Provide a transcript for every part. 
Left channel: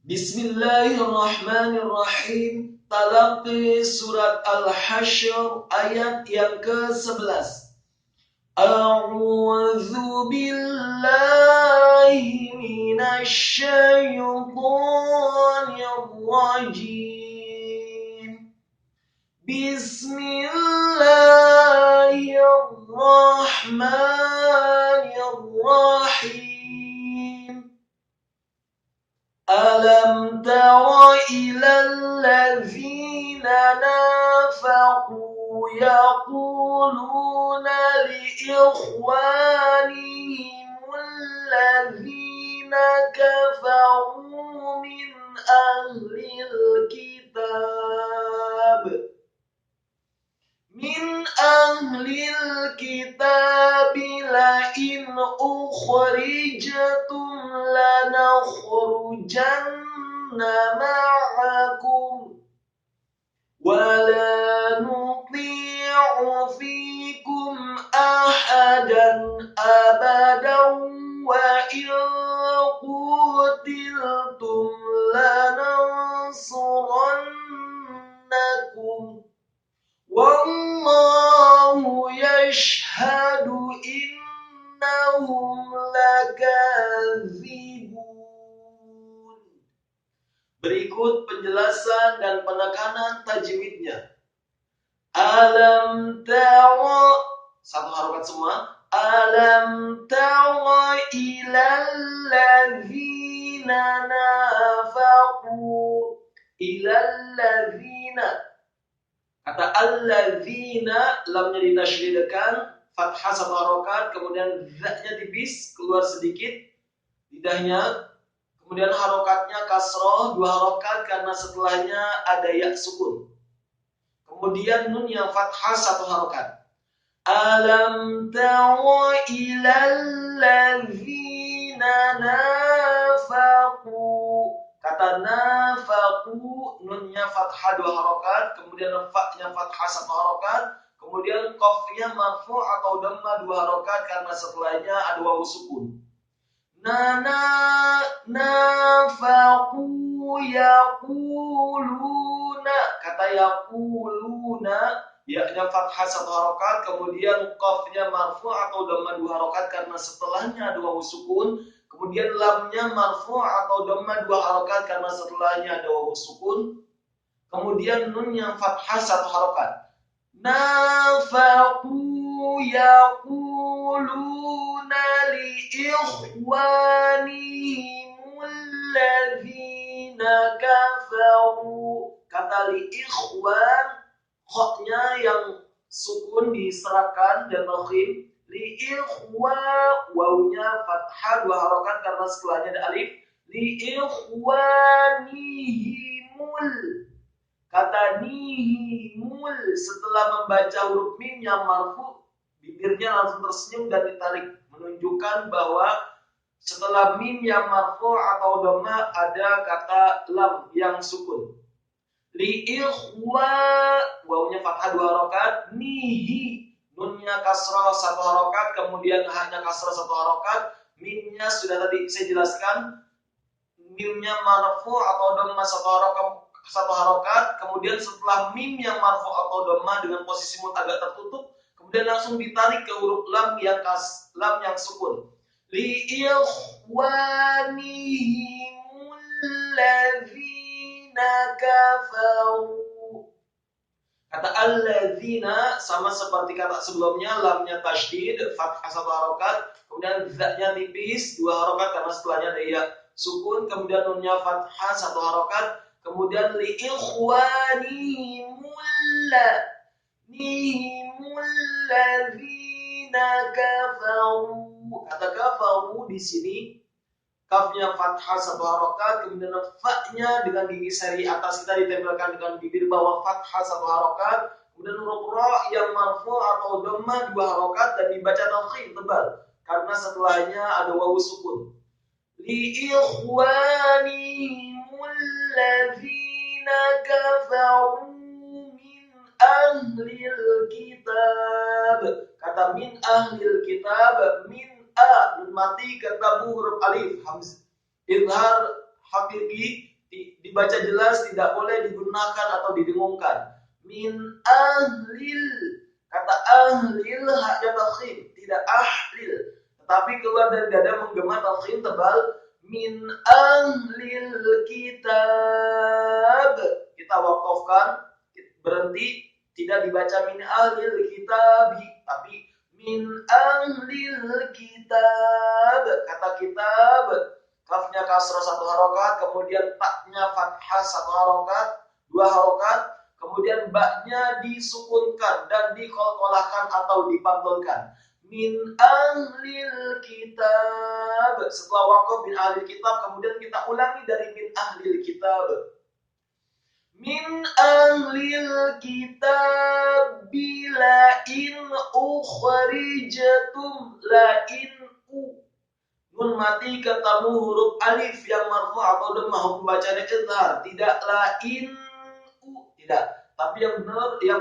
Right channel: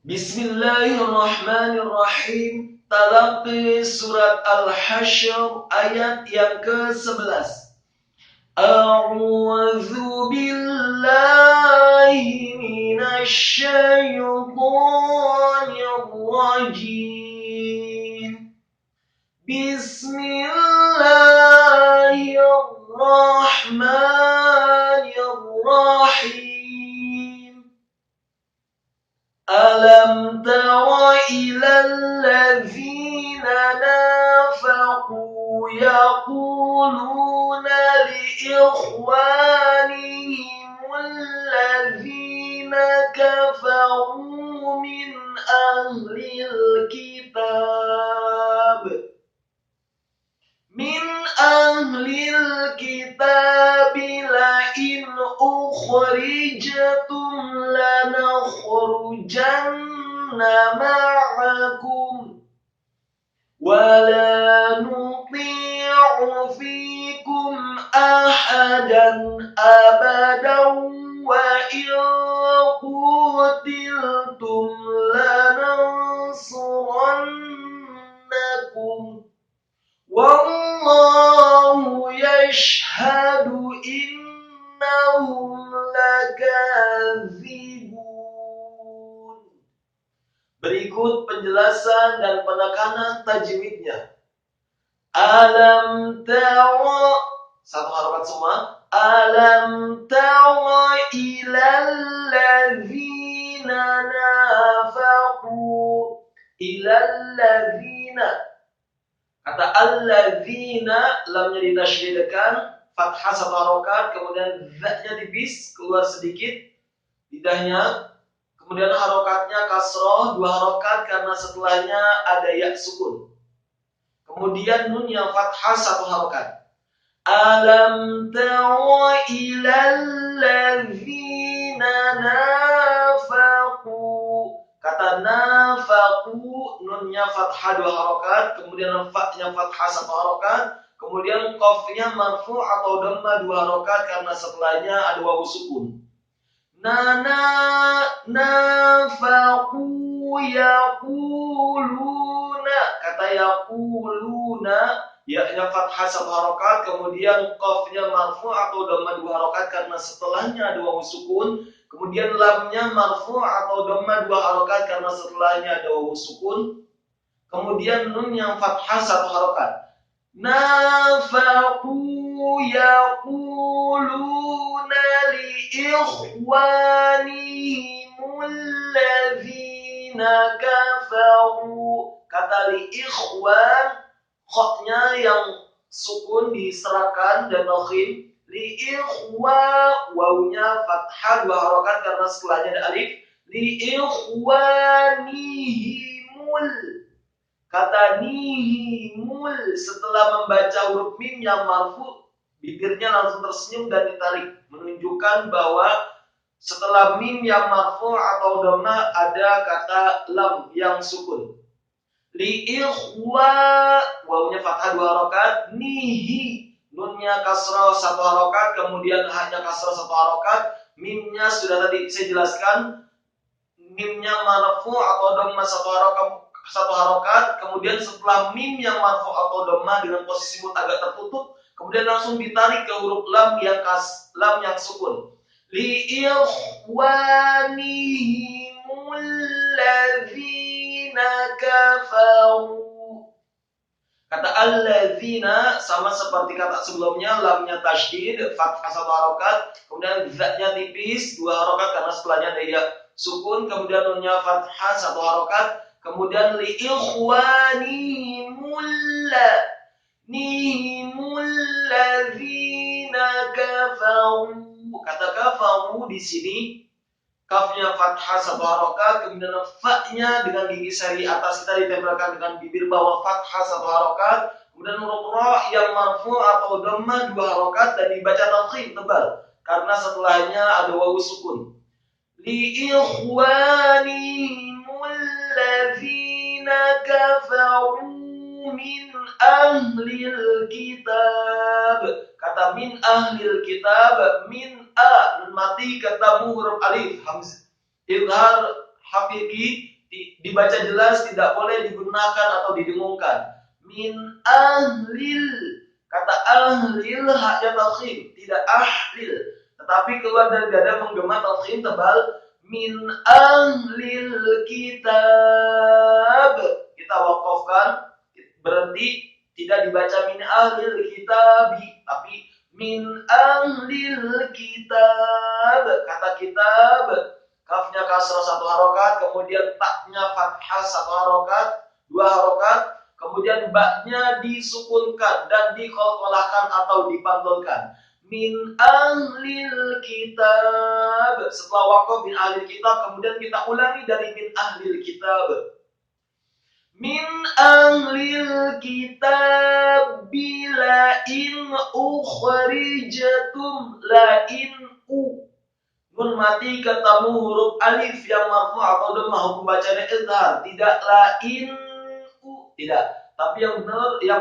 Bismillahirrahmanirrahim. Talaqi surat Al-Hasyr ayat yang ke-11. A'udzu billahi minasy syaithanir rajim. Bismillahirrahmanirrahim. Alam tara ilal ladzina nafaqu yaquluna li ikhwanihim alladzina kafaru min ahlil kitab la in ukhrijtum lanakhrujanna ma'akum wa la nuti'u fikum ahadan abadan wa in qutiltum lanansurannakum wallahu yashhadu innahum lakadzibun. Berikut penjelasan dan penekanan tajwidnya. Alam tara, satu harokat semua. Alam tara ilal ladzina nafaqu. Ilal ladzina. Kata alladzina, lamnya ditasydidkan, fathah satu harokat, kemudian za-nya tipis, keluar sedikit lidahnya, kemudian harokatnya kasroh, dua harokat karena setelahnya ada ya sukun. Kemudian nun yang fathah satu harokat. Alam tara ilal ladzina nafaqu. Kata nafaqu, nunnya fathah dua harokat, kemudian fa-nya fathah satu harokat, kemudian qafnya marfu atau dhamma dua harokat karena setelahnya ada wawu sukun. Nafaqu yaquluna. Kata yaquluna, ya-nya fathah satu harokat, kemudian qafnya marfu atau dhamma dua harokat karena setelahnya ada wawu sukun. Kemudian lamnya marfu atau dhamma dua harokat karena setelahnya ada wawu sukun. Kemudian nun yang fathah satu harokat. Nafaqu yaquluna li ikhwanihim alladzina kafaru. Kata li ikhwan, khoknya yang sukun diserahkan dan nokhim. Li ikhwa, wawunya fathah dua harokat karena setelahnya ada alif. Li ikhwanihimul. Kata nihimul, setelah membaca huruf mim yang marfu, bibirnya langsung tersenyum dan ditarik, menunjukkan bahwa setelah mim yang marfu atau dhamma ada kata lam yang sukun. Li ikhwa, wawunya fathah dua harokat. Nihi, nunnya kasrah satu harokat, kemudian hanya kasrah satu harokat. Mimnya sudah tadi saya jelaskan, mimnya marfu atau dhamma satu harokat, kemudian setelah mim yang marfu atau dhamma dengan posisi mut agak tertutup, kemudian langsung ditarik ke huruf lam yang sukun. Li ikhwanihimul ladzina kafaru. Kata alladzina sama seperti kata sebelumnya, lamnya tasydid, fathah satu harokat, kemudian za-nya tipis dua harokat karena setelahnya ada ya sukun, kemudian nunnya fathah satu harokat, kemudian li ikhwanihimul ladzina kafaru. Kata kafaru di sini kafnya fathah satu harokat, kemudian fa-nya dengan gigi seri atas kita ditempelkan dengan bibir bawah fathah satu harokat, kemudian huruf ra yang marfu atau dhamma dua harokat dan dibaca tafkhim tebal karena setelahnya ada wawu sukun. Li ikhwanihimul ladzina kafaru min ahlil kitab. Kata min ahlil kitab, min a nun mati ketemu huruf alif hamzah idhar hakiki, dibaca jelas, tidak boleh digunakan atau didengungkan. Min ahlil, kata ahlil haknya tafkhim, tidak ahlil, tetapi keluar dari dada menggema tafkhim tebal. Min ahlil kitab, kita wakafkan, berhenti, tidak dibaca min ahlil kitabi, tapi min ahlil kitab. Kata kitab, kafnya kasrah 1 harokat, kemudian taknya fathah 1 harokat, 2 harokat, kemudian baknya disukunkan dan dikolkolahkan atau dipantulkan. Min ahlil kitab. Setelah waqaf min ahlil kitab, kemudian kita ulangi dari min ahlil kitab. Min ahlil kitab bila in ukhrijatum, la in u. Nun mati ketemu huruf alif yang marfu atau dhammah, hukum bacanya izhar, tidak la in u, tidak. Tapi yang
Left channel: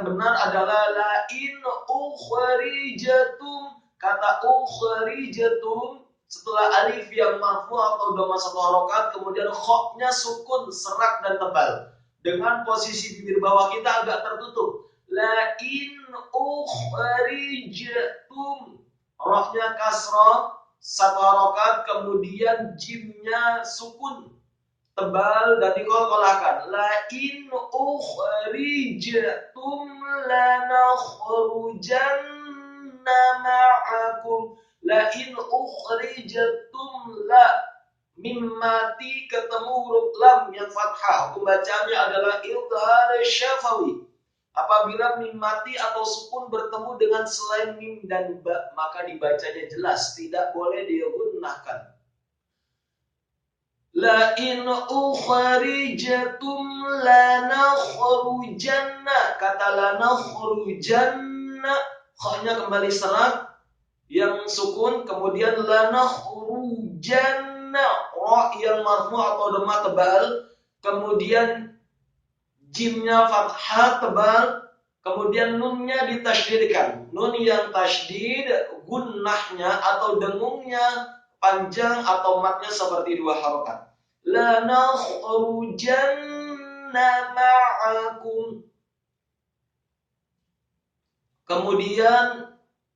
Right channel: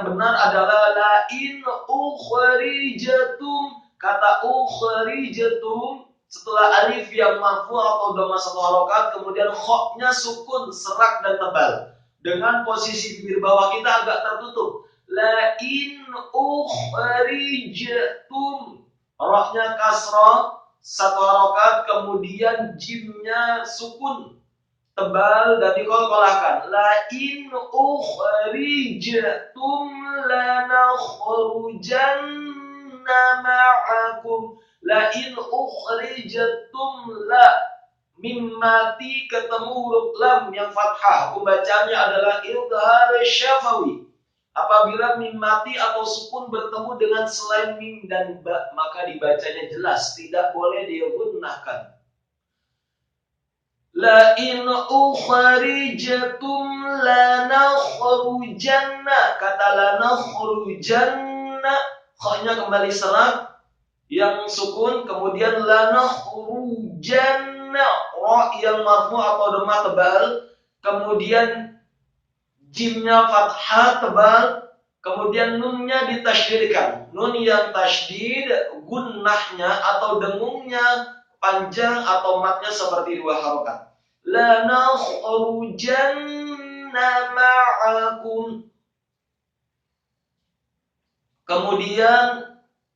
benar adalah la in ukhrijatum. Kata ukhrijatum setelah alif yang marfu atau dhammah 1 harokat, kemudian khoknya sukun, serak dan tebal. Dengan posisi bibir bawah kita agak tertutup. La in ukhrijatum. Rohnya kasrah 1 harokat, kemudian jimnya sukun, tebal dan dikolkolahkan. La in ukhrijatum lanakhrujanna ma'akum. La in ukhrijatum, la mim mati ketemu huruf lam yang fathah, hukum bacaannya adalah idhar syafawi. Apabila mim mati atau sukun bertemu dengan selain mim dan ba, maka dibacanya jelas, tidak boleh digunakan. La in ukhrijatum lanakhrujanna. Kata lanakhrujanna, khanya kembali serak yang sukun, kemudian lanakhrujanna, ra yang marfu atau dhammah tebal, kemudian jimnya fathah tebal, kemudian nunnya ditasydidkan. Nun yang tasydid gunnahnya atau dengungnya panjang atau matnya seperti 2 harokat. La nakhrujanna ma'akum. Kemudian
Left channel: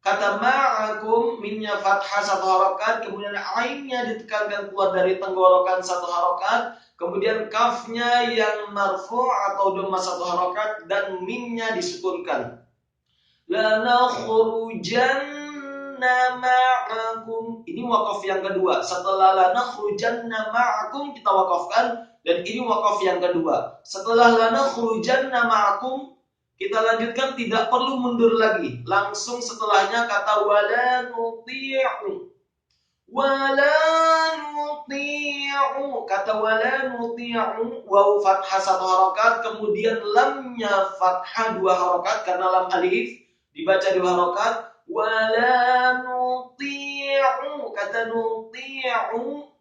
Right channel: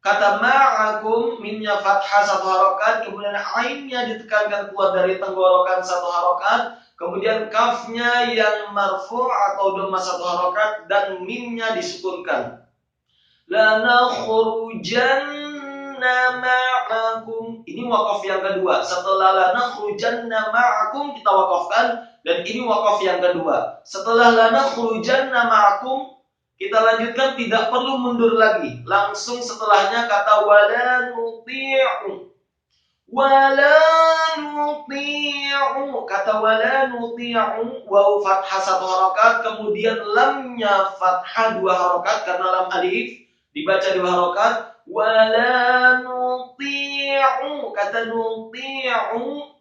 kata ma'akum, mimnya fathah 1 harokat, kemudian ainnya ditekankan keluar dari tenggorokan 1 harokat, kemudian kafnya yang marfu atau dhammah 1 harokat dan mimnya disukunkan. La nakhrujanna ma'akum. Ini wakaf yang kedua. Setelah la nakhrujanna ma'akum kita wakafkan, dan ini wakaf yang kedua. Setelah la nakhrujanna ma'akum kita lanjutkan, tidak perlu mundur lagi. Langsung setelahnya kata wala nuti'u. Wala nuti'u. Kata wala nuti'u, waw fathah 1 harokat, kemudian lamnya fathah 2 harokat karena lam alif, dibaca 2 harokat. Wala nuti'u. Kata nuti'u,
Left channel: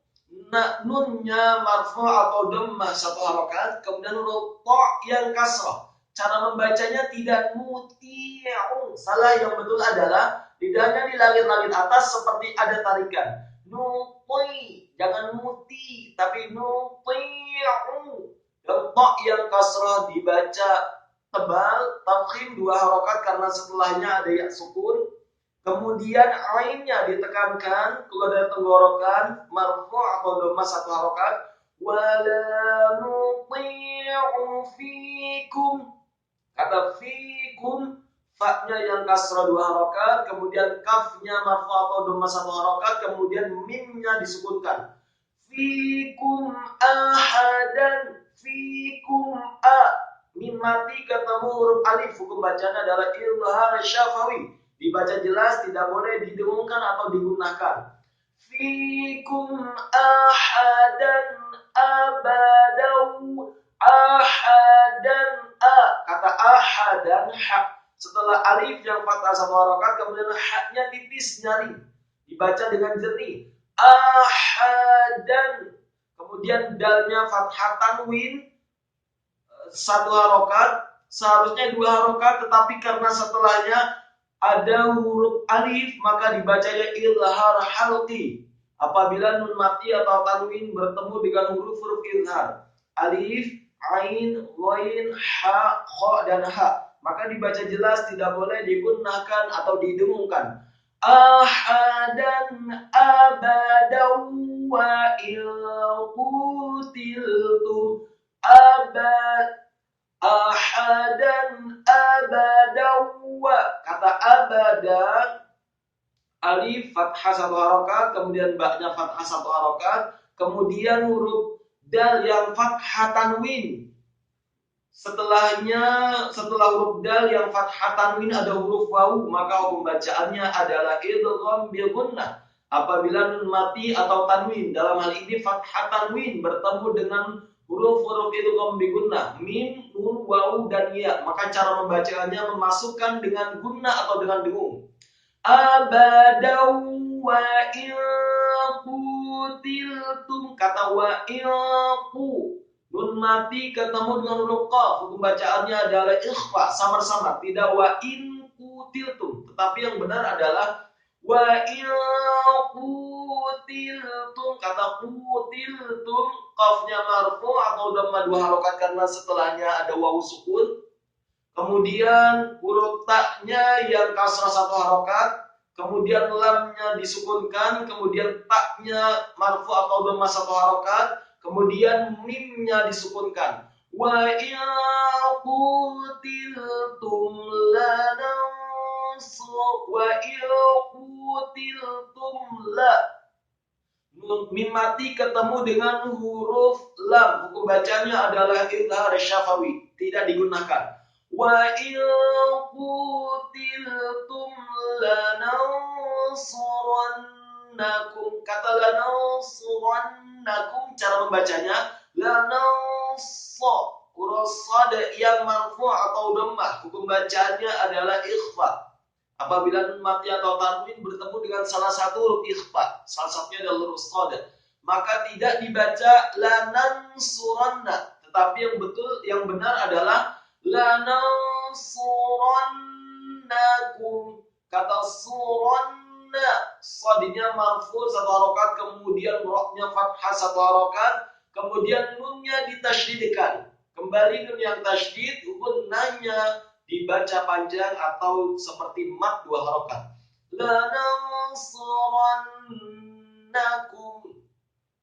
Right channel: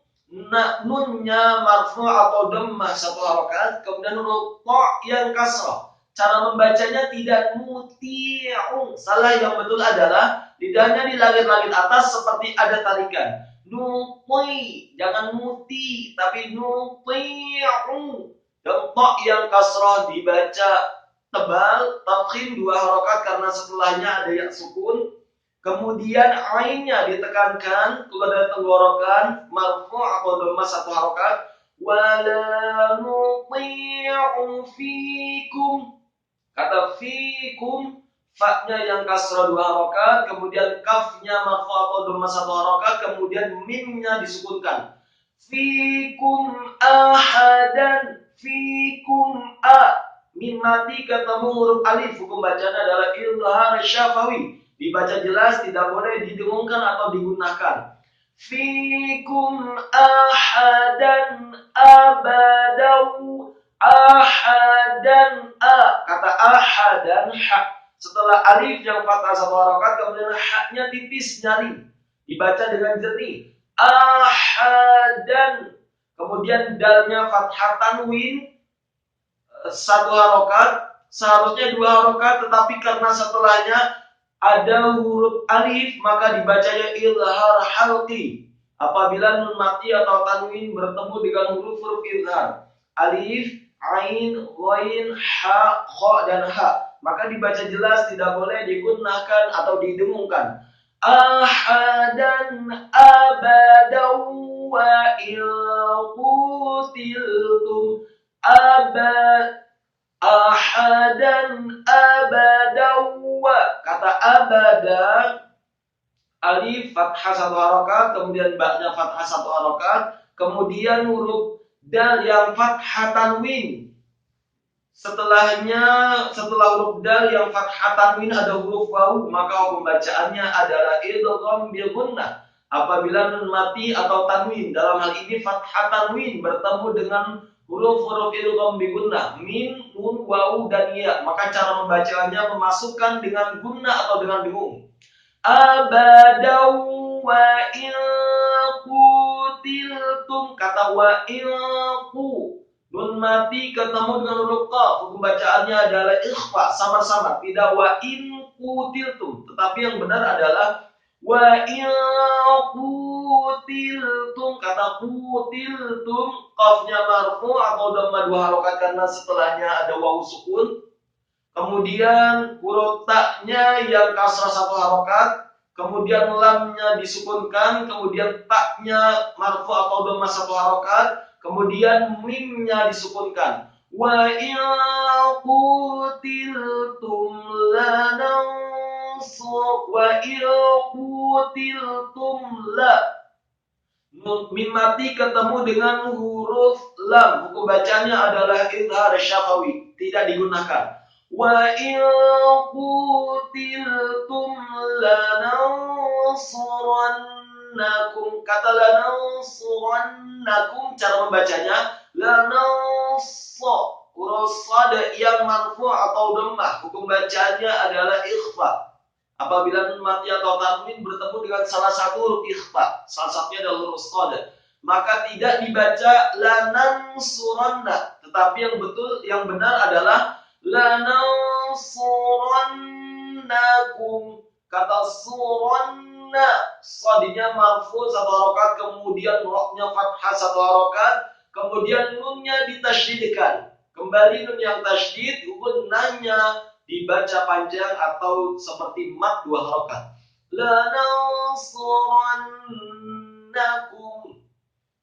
nunnya marfu atau dhammah 1 harokat, kemudian huruf ta yang kasrah. Cara membacanya tidak muti'u. Salah yang betul adalah lidahnya di langit-langit atas seperti ada tarikan. Nuti, jangan muti, tapi nuti'u. Dan ta yang kasrah dibaca tebal, tafkhim 2 harokat karena setelahnya ada yang sukun. Kemudian ainnya ditekankan keluar dari tenggorokan, marfu atau dhammah 1 harokat. Wala nuti'u fikum. Kata fikum, fa-nya yang kasrah 2 harokat, kemudian kafnya marfu atau dhammah 1 harokat, kemudian mimnya disukunkan. Fikum ahadan, fikum a. Mim mati ketemu huruf alif, hukum bacanya adalah idhar syafawi. Dibaca jelas, tidak boleh didengungkan atau digunakan. Fikum ahadan abadau. Ahadan a. Kata ahadan ha. Setelah alif yang fathah 1 harokat, kemudian haknya tipis nyaring, dibaca dengan jernih. Ahadan. Kemudian dalnya fathah tanwin 1 harokat, seharusnya 2 harokat, tetapi karena setelahnya ada huruf alif maka dibacanya idhar halqi. Apabila nun mati atau tanwin bertemu dengan huruf-huruf izhar, alif, ain, ghain, ha, kha, dan ha, maka dibaca jelas, tidak boleh digunakan atau didengungkan. Ahadan abadan wa ilqutiltum ahadan abadan wa. Kata abada, alif fathah satu harokat, kemudian baknya fathah satu harokat, kemudian huruf dal yang fathah tanwin. Setelah huruf dal yang fathah tanwin ada huruf wawu, maka pembacaannya adalah idgham bi gunnah. Apabila nun mati atau tanwin, dalam hal ini fathah tanwin bertemu dengan huruf-huruf idgham bi gunnah, mim, nun, wawu, dan ya, maka cara membacaannya memasukkan dengan gunnah atau dengan dengung. Abadan wa ilqutiltum, kata wa ilqu, nun mati ketemu dengan huruf qaf, hukum bacaannya adalah ikhfa, samar-samar, tidak wa in qutiltum, tetapi yang benar adalah wa in qutiltum. Kata qutiltum, qafnya marfu atau dhamma dua harokat karena setelahnya ada wawu sukun, kemudian huruf taknya yang kasrah satu harokat, kemudian lamnya disukunkan, kemudian taknya marfu atau dhamma satu harokat, kemudian mimnya disukunkan. Wa ilqutiltum la. Mim mati ketemu dengan huruf lam, hukum bacanya adalah izhar syafawi, tidak digunakan. Wa ilqutiltum lanansurannakum, kata lanansurannakum, cara membacanya lananso, huruf sad yang marfu atau dhammah, hukum bacaannya adalah ikhfa. Apabila nun mati atau tanwin bertemu dengan salah satu huruf ikhfa, salah satunya adalah huruf sad, maka tidak dibaca lanansuranna, tetapi yang benar adalah lanansurannakum. Kata suranna, sadinya marfu satu harokat, kemudian roknya fathah satu harokat, kemudian nunnya ditasydidkan. Kembali nun yang tasydid, gunnahnya dibaca panjang atau seperti mat dua harokat. Lanansurannakum.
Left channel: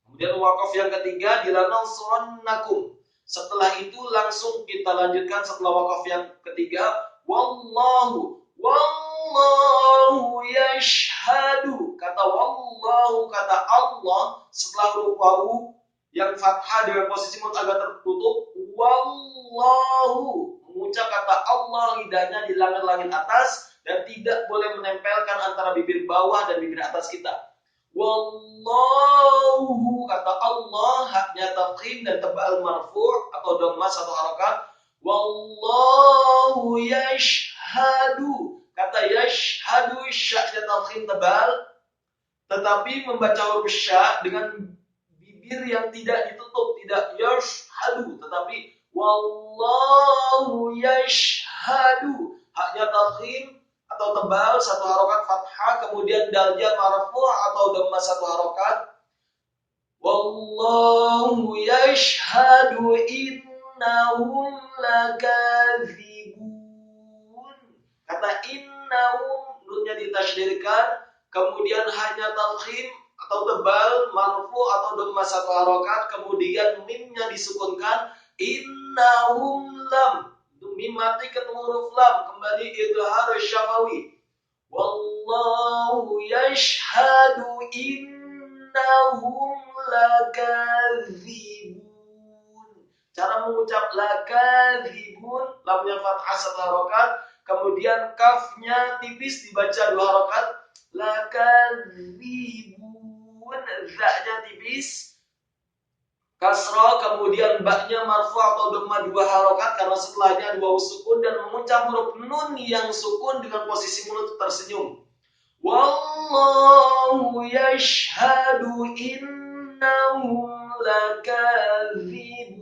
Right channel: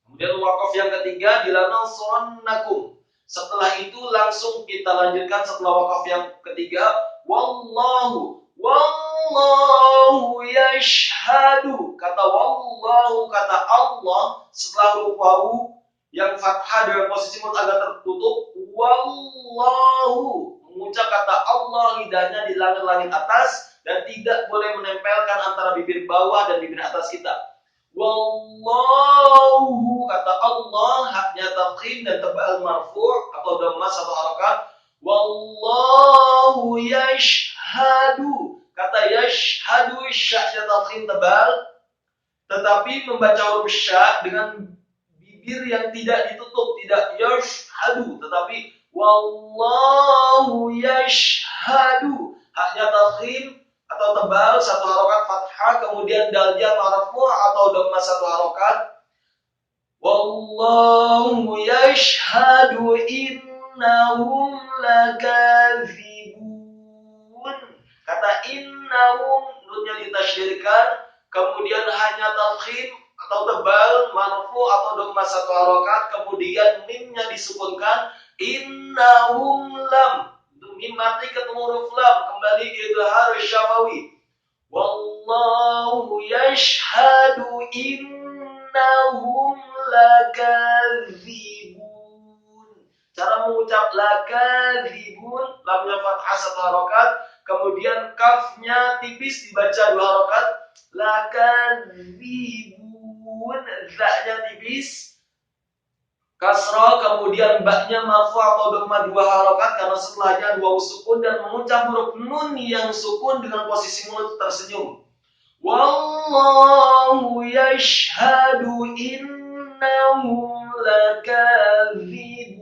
Kemudian wakaf yang ketiga di lanansurannakum. Setelah itu langsung kita lanjutkan setelah wakaf yang ketiga, wallahu yashhadu. Kata wallahu, kata Allah, setelah huruf wawu yang fathah dengan posisi mulut agak tertutup, wallahu, mengucap kata Allah, lidahnya di langit-langit atas dan tidak boleh menempelkan antara bibir bawah dan bibir atas kita. Wallahu, kata Allah, haknya tafkhim dan tebal marfu' atau dhamma satu harokat. Wallahu yashhadu, kata yashhadu, syaknya tafkhim tebal, tetapi membaca huruf syak dengan bibir yang tidak ditutup, tidak yashhadu, tetapi wallahu yashhadu, haknya tafkhim atau tebal satu harokat fathah, kemudian dalnya marfu atau dhamma satu harokat. Wallahu yashhadu innahum lakadzibun. Kata innahum, nunnya ditasydidkan, kemudian hanya tafkhim atau tebal marfu atau dhamma satu harokat, kemudian mimnya disukunkan, innahum lam, mim mati ketemu huruf lam, kembali idhar syafawi. Wallahu yashhadu innahum lakadzibun. Cara mengucap lakadzibun, lamnya fathah satu harokat, kemudian kafnya tipis dibaca dua harokat, lakadzibun, zaknya tipis kasrah, kemudian baknya marfu atau dhamma dua harokat karena setelahnya dua sukun, dan mengucap huruf nun yang sukun dengan posisi mulut tersenyum. Wallahu yashhadu innahum lakadzibun.